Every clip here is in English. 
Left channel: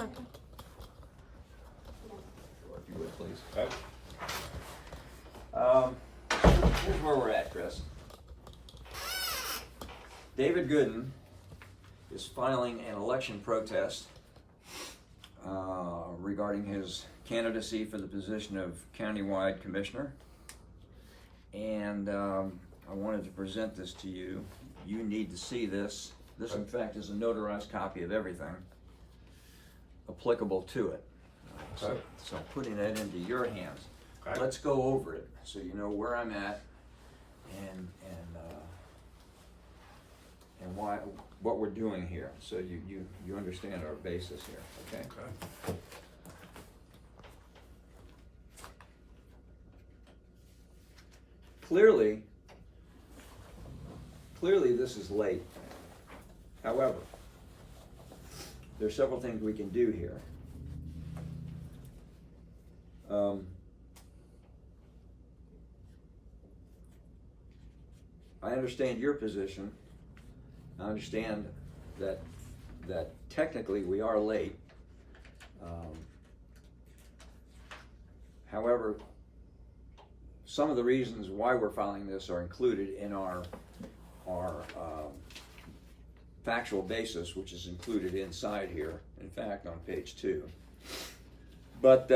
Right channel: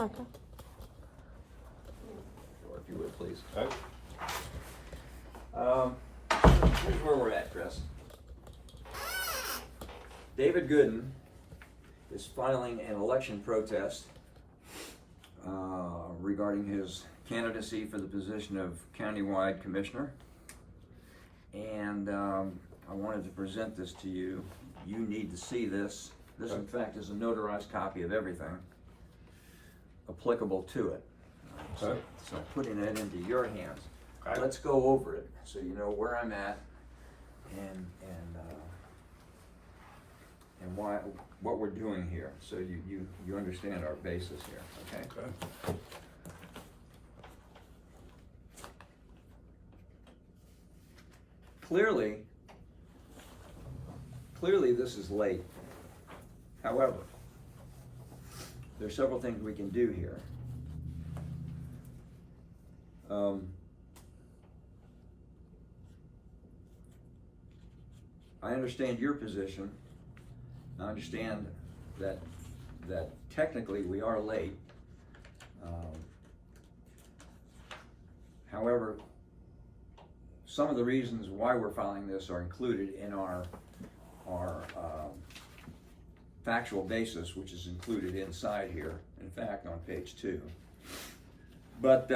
second. Or if you would, please. Okay. Here's where we're at, Chris. David Gooden is filing an election protest regarding his candidacy for the position of countywide commissioner. And I wanted to present this to you. You need to see this. This, in fact, is a notarized copy of everything applicable to it. So putting it into your hands. Okay. Let's go over it so you know where I'm at and what we're doing here, so you understand our basis here. Okay. Okay. Clearly, this is late. However, there's several things we can do here. I understand your position. I understand that technically we are late. However, some of the reasons why we're filing this are included in our factual basis, which is included inside here, in fact, on page 2. But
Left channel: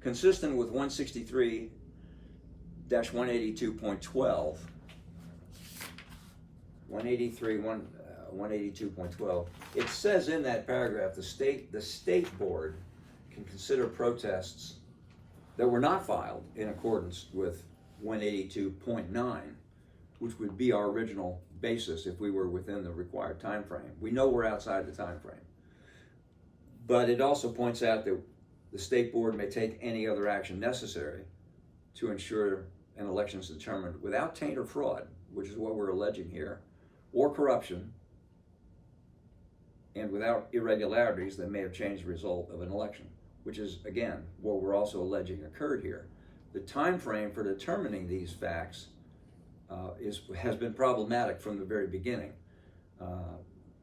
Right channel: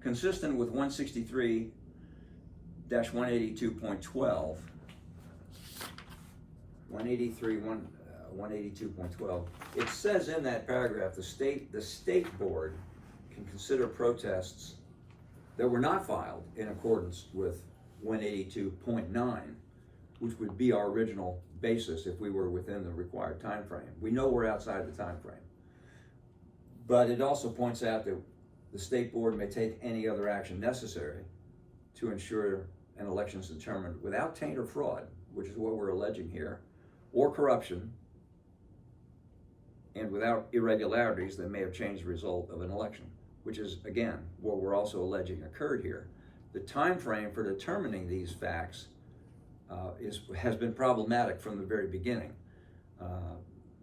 consistent with 163-182.12, 182.12, it says in that paragraph the state board can consider protests that were not filed in accordance with 182.9, which would be our original basis if we were within the required time frame. We know we're outside the time frame. But it also points out that the state board may take any other action necessary to ensure an election is determined without taint or fraud, which is what we're alleging here, or corruption, and without irregularities that may have changed the result of an election, which is, again, what we're also alleging occurred here. The time frame for determining these facts has been problematic from the very beginning.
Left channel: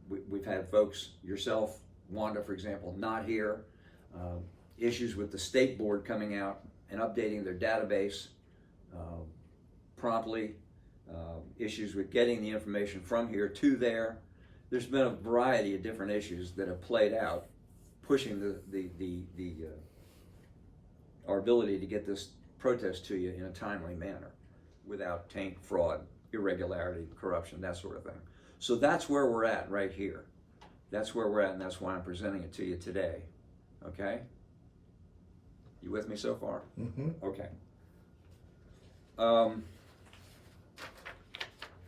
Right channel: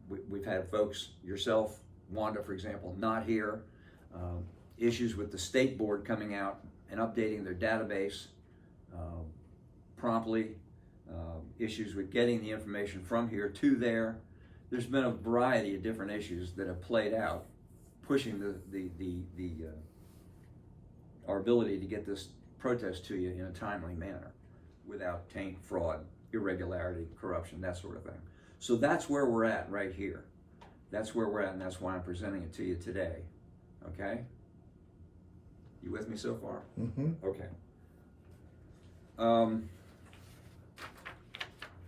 We've had folks, yourself, Wanda, for example, not here, issues with the state board coming out and updating their database promptly, issues with getting the information from here to there. There's been a variety of different issues that have played out, pushing our ability to get this protest to you in a timely manner without taint, fraud, irregularity, corruption, that sort of thing. So that's where we're at right here. That's where we're at, and that's why I'm presenting it to you today. Okay? You with me so far? Mm-hmm. Okay.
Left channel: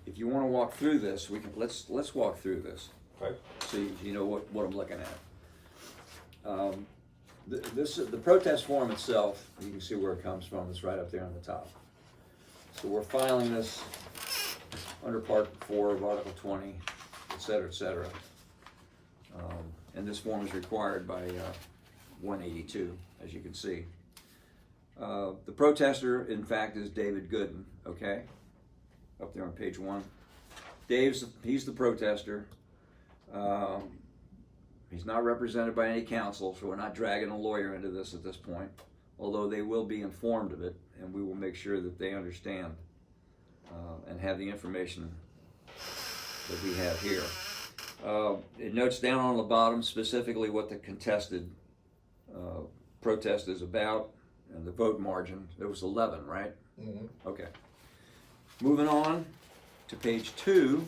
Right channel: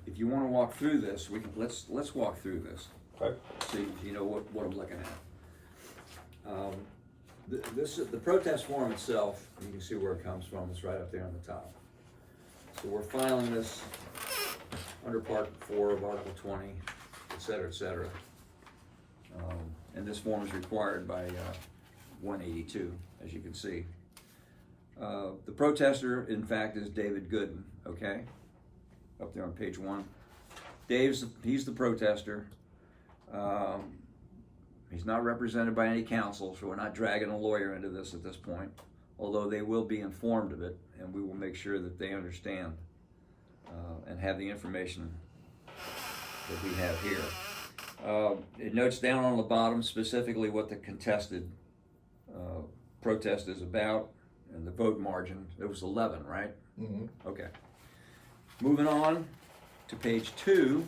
If you want to walk through this, we can. Let's walk through this. Okay. So you know what I'm looking at. The protest form itself, you can see where it comes from. It's right up there on the top. So we're filing this under Part 4 of Article 20, et cetera, et cetera. And this form is required by 182, as you can see. The protester, in fact, is David Gooden, okay? Up there on page 1. He's the protester. He's not represented by any counsel, so we're not dragging a lawyer into this at this point, although they will be informed of it, and we will make sure that they understand and have the information that we have here. It notes down on the bottom specifically what the contested protest is about and the vote margin. It was 11, right? Mm-hmm. Okay. Moving on to page 2.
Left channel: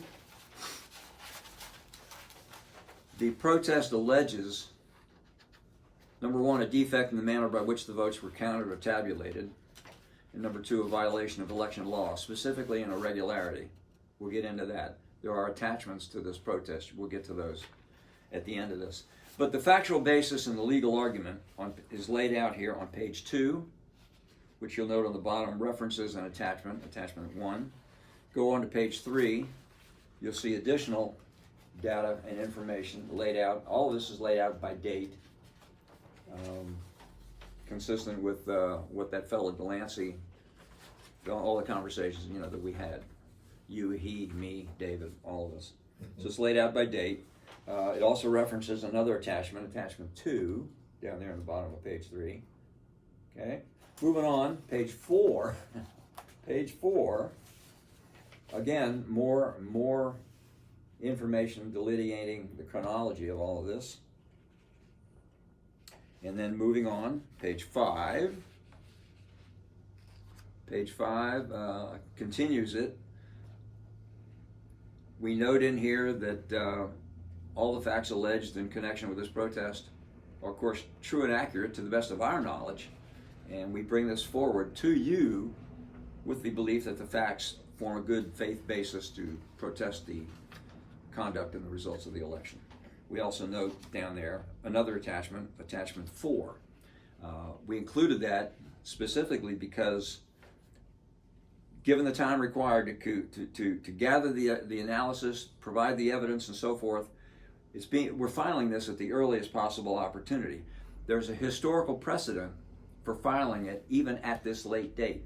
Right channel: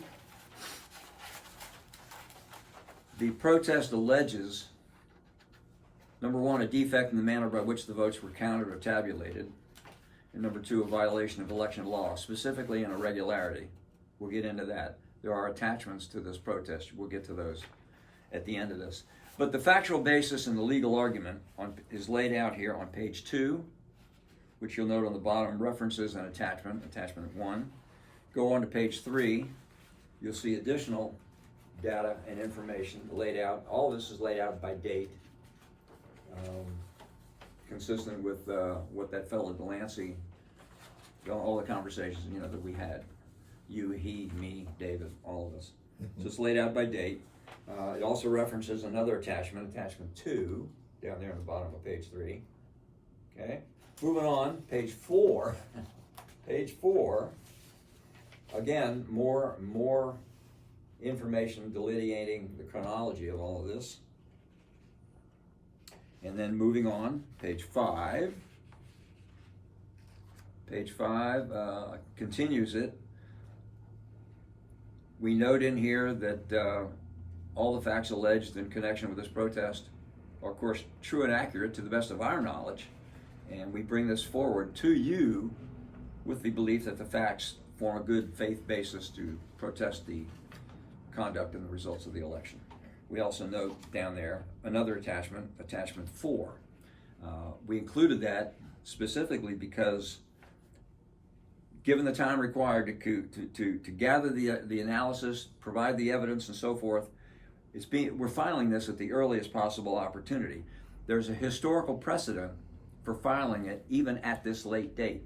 The protest alleges, number 1, a defect in the manner by which the votes were counted or tabulated, and number 2, a violation of election law, specifically an irregularity. We'll get into that. There are attachments to this protest. We'll get to those at the end of this. But the factual basis and the legal argument is laid out here on page 2, which you'll note on the bottom, references and attachment 1. Go on to page 3, you'll see additional data and information laid out. All of this is laid out by date, consistent with what that fellow Delancey, all the conversations that we had, you, he, me, David, all of us. So it's laid out by date. It also references another attachment, attachment 2, down there in the bottom of page 3. Okay, moving on, page 4. Page 4, again, more information delineating the chronology of all of this. And then moving on, page 5. Page 5 continues it. We note in here that all the facts alleged in connection with this protest are, of course, true and accurate to the best of our knowledge, and we bring this forward to you with the belief that the facts form a good faith basis to protest the conduct and the results of the election. We also note down there another attachment, attachment 4. We included that specifically because, given the time required to gather the analysis, provide the evidence, and so forth, we're filing this at the earliest possible opportunity. There's a historical precedent for filing it even at this late date.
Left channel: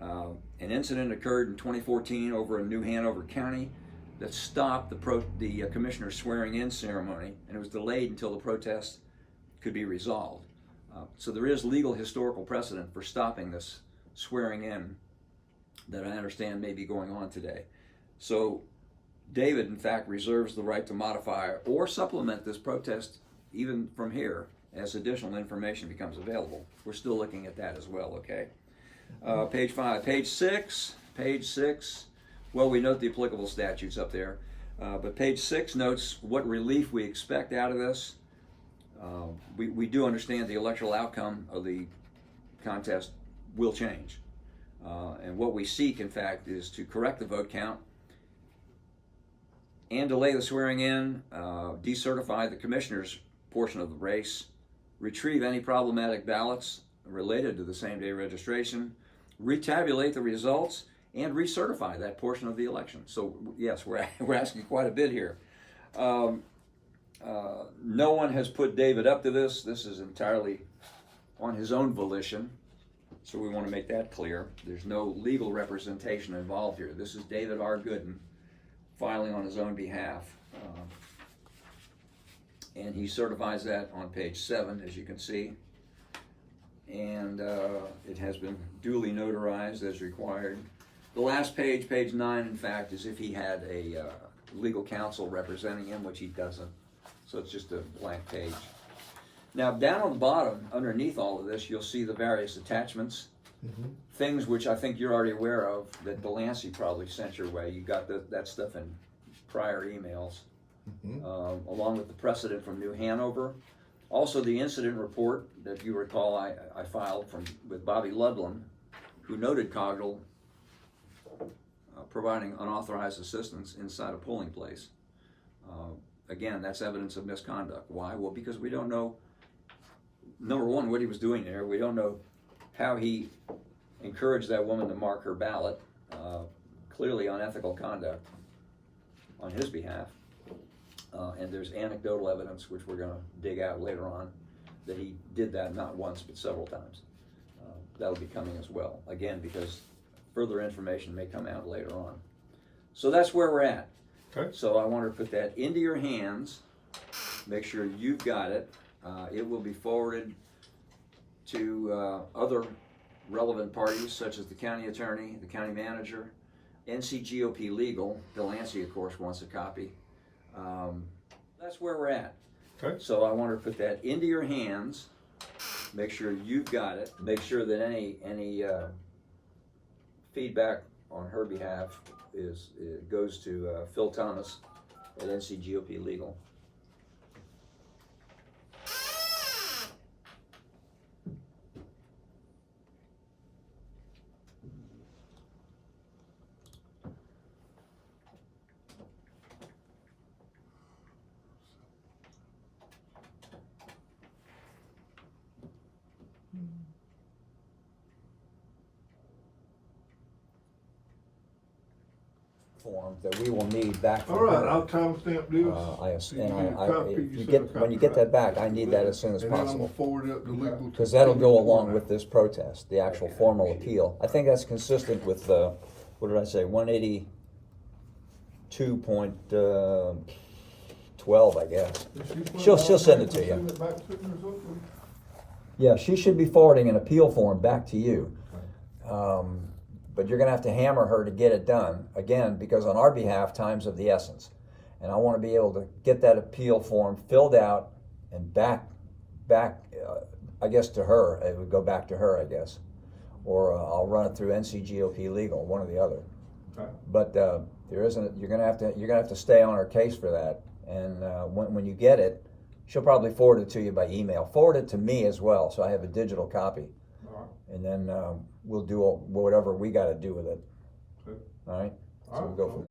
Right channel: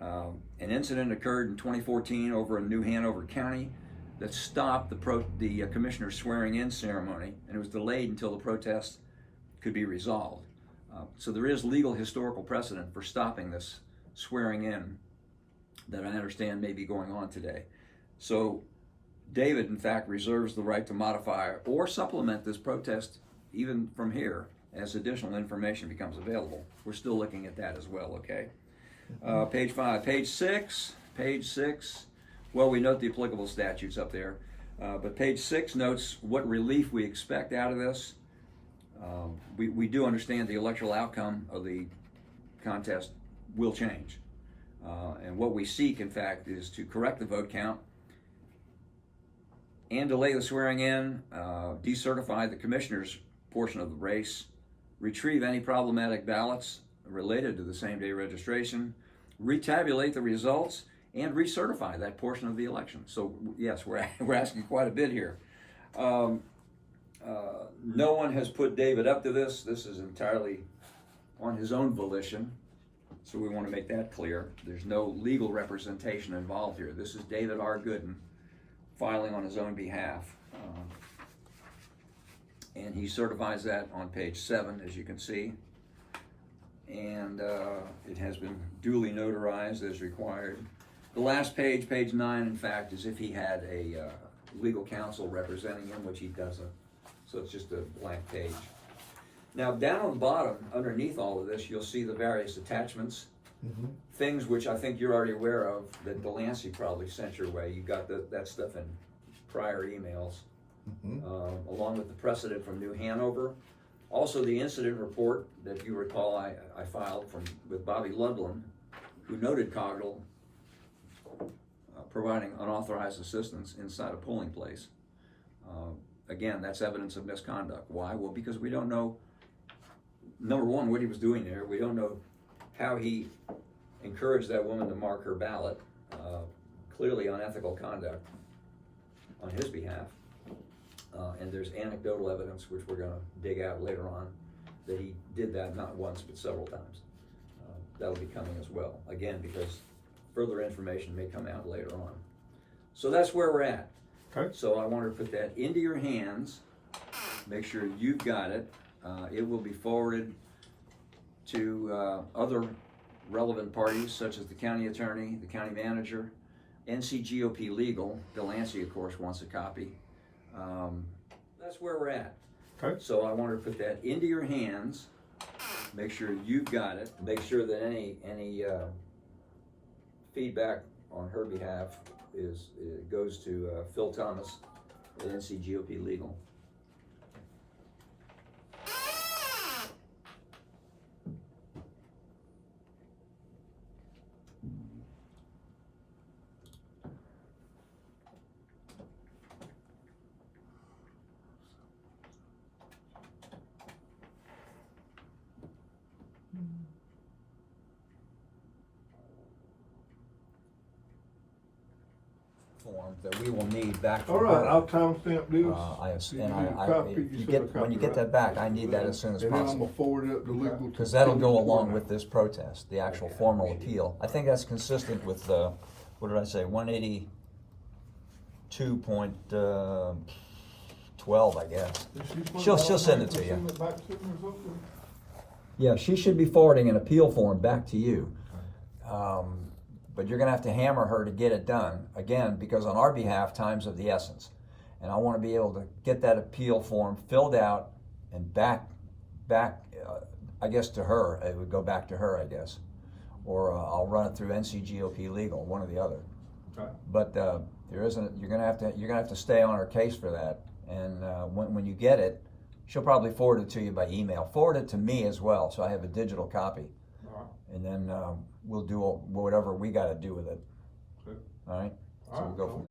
An incident occurred in 2014 over in New Hanover County that stopped the commissioner's swearing-in ceremony, and it was delayed until the protest could be resolved. So there is legal historical precedent for stopping this swearing-in that I understand may be going on today. So David, in fact, reserves the right to modify or supplement this protest even from here as additional information becomes available. We're still looking at that as well, okay? Page 5. Page 6. Page 6. Well, we note the applicable statutes up there, but page 6 notes what relief we expect out of this. We do understand the electoral outcome of the contest will change. And what we seek, in fact, is to correct the vote count and delay the swearing in, decertify the commissioner's portion of the race, retrieve any problematic ballots related to the same-day registration, retabulate the results, and recertify that portion of the election. So yes, we're asking quite a bit here. No one has put David up to this. This is entirely on his own volition. So we want to make that clear. There's no legal representation involved here. This is David R. Gooden filing on his own behalf. And he certifies that on page 7, as you can see. And it has been duly notarized as required. The last page, page 9, in fact, is if he had a legal counsel representing him, which he doesn't. So it's just a blank page. Now, down on the bottom, underneath all of this, you'll see the various attachments, things which I think you're already aware of that Delancey probably sent your way. You got that stuff in prior emails, along with the precedent from New Hanover. Also, the incident report that you recall I filed with Bobby Ludlum, who noted Cogdell providing unauthorized assistance inside a polling place. Again, that's evidence of misconduct. Why? Well, because we don't know, number one, what he was doing there. We don't know how he encouraged that woman to mark her ballot. Clearly unethical conduct on his behalf. And there's anecdotal evidence, which we're going to dig out later on, that he did that not once but several times. That'll be coming as well, again, because further information may come out later on. So that's where we're at. Okay. So I want to put that into your hands. Make sure you've got it. It will be forwarded to other relevant parties, such as the county attorney, the county manager, NCGOP Legal. Delancey, of course, wants a copy. That's where we're at. Okay. So I want to put that into your hands. Make sure you've got it. Make sure that any feedback on her behalf goes to Phil Thomas at NCGOP Legal. Form that we will need back from all right, her. I'll timestamp this. When you get that back, I need that as soon as and then I'm possible. gonna forward it to legal. Because that'll go along with this protest, the actual formal appeal. I think that's consistent with what did I say, 182 12, I guess. If she put She'll it out send there, it to you. Send it back to me or something? Yeah, she should be forwarding an appeal form back to you. But you're gonna have to hammer her to get it done, again, because on our behalf, time's of the essence. And I wanna be able to get that appeal form filled out and back, I guess to her, it would go back to her, I guess. Or I'll run it through NCGOP legal, one or the other. Okay. But there isn't, you're gonna have to stay on her case for that. And when you get it, she'll probably forward it to you by email. Forward it to me as well, so I have a digital copy. All right. And then we'll do whatever we gotta do with it. Good. All right? All So right. we'll go from